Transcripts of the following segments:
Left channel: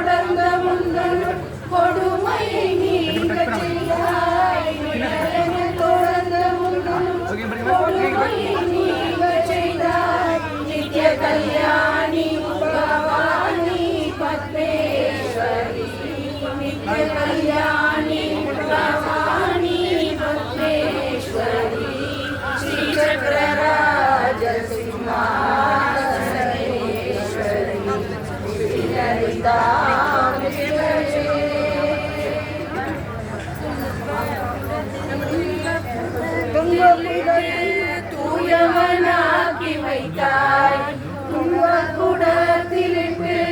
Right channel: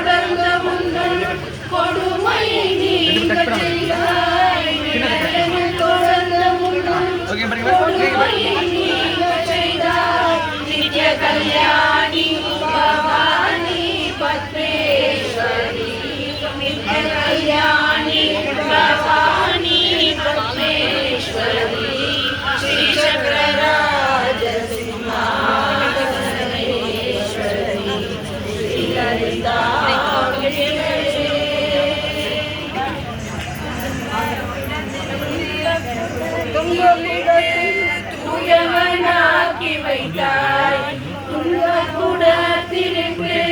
தொடர்ந்த முந்தன் கொடுமையை நீங்கச் செய்தாய். தொடர்ந்த முந்தன் கொடுமையை நீங்கச் செய்தாய். நித்ய கல்யாணி பவானி பத்மேஸ்வரி. நித்ய கல்யாணி பவானி பத்மேஸ்வரி. ஸ்ரீ சக்கரராஜ சிம்மாசனேஸ்வரி. ஸ்ரீ லலிதாம்பிகே. தூயவனாக்கி வைத்தாய். குடத்திற்கு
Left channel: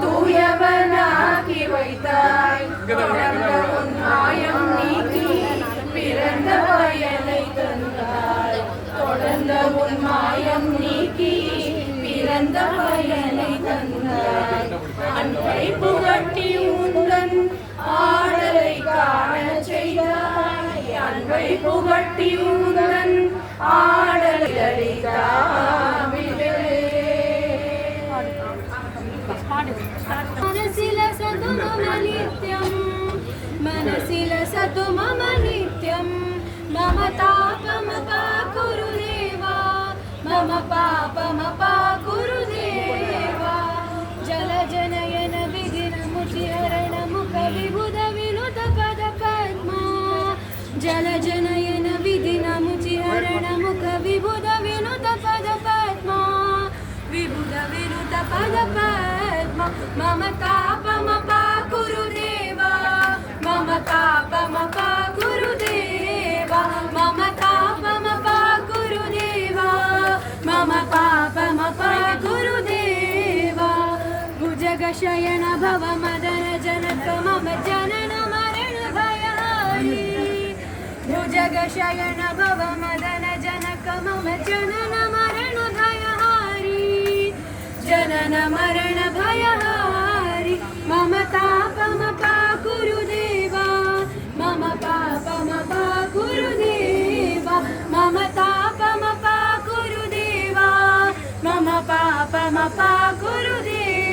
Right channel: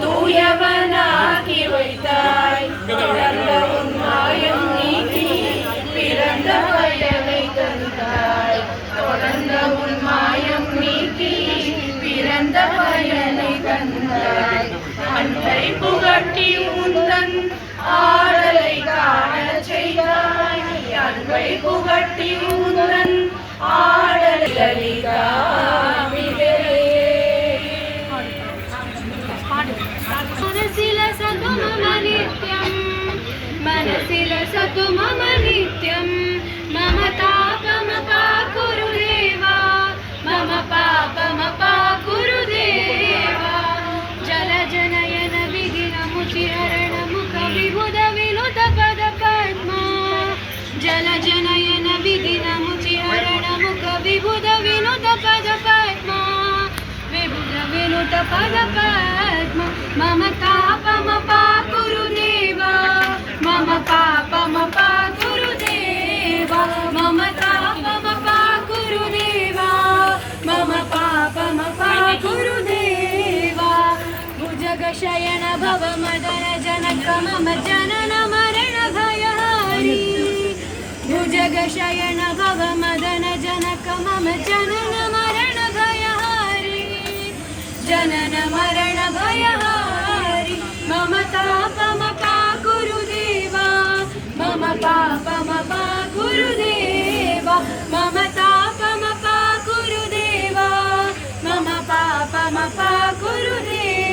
தூயவனாக்கி வைத்தாய். தொடர்ந்த உன் மாயம் நீக்கி பிறந்த பயனை தந்தாய். தொடர்ந்த உன் மாயம் நீக்கி பிறந்த பயனை தந்தாய். அன்பை புகட்டி உந்தன் ஆடலை காணச் செய்தாய். அன்பை புகட்டி உந்தன் ஆடலை லலிதாம்பிகே. मनसिलसतु मम नित्यं मम तापमपाकुरु देवा मम पापमपाकुरु देवा. जलजनयन विधिनमुचिहरणमुख विबुध विनुत पद पद्मा. जलजनयन विधिनमुचिहरणमुख विबुध विनुत पद पद्मा. विबुध विनुत पद पद्मा. मम तापमपाकुरु देवा मम पापमपाकुरु देवा मम तापमपाकुरु देवा मम पापमपाकुरु देवा. भुजगशयन भव मदन जनक मम जनन मरण भयहारी. भुजगशयन भव मदन जनक मम जनन मरण भयहारी. जनन मरण भयहारी. मम तापमपाकुरु देवा मम पापमपाकुरु देवा मम तापमपाकुरु देवा मम पापमपाकुरु देवा.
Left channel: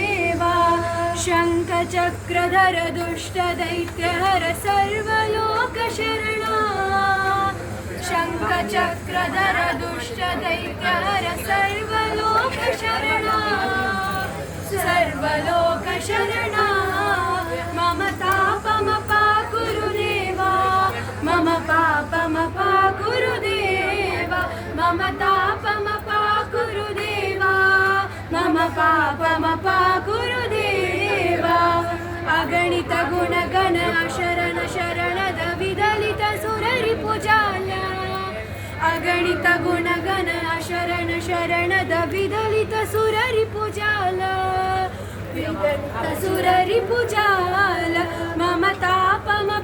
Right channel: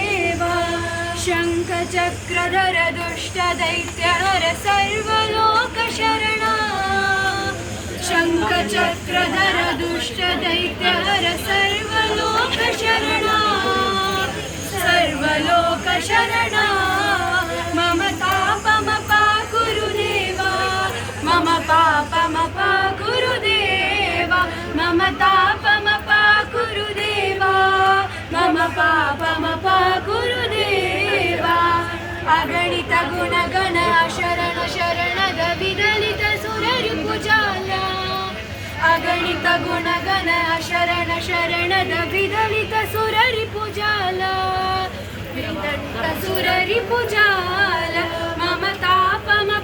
शङ्खचक्रधर दुष्टदैत्यहर सर्वलोकशरणा. शङ्खचक्रधर दुष्टदैत्यहर सर्वलोकशरणा. सर्वलोकशरणा. मम तापमपाकुरु देवा मम पापमपाकुरु देवा मम तापमपाकुरु देवा मम पापमपाकुरु देवा. अगणित गुणगण शरण शरणद विदलित सुररिपुजाला. अगणित गुणगण शरण शरणद विदलित सुररिपुजाला. विदलित सुररिपुजाला. मम तापम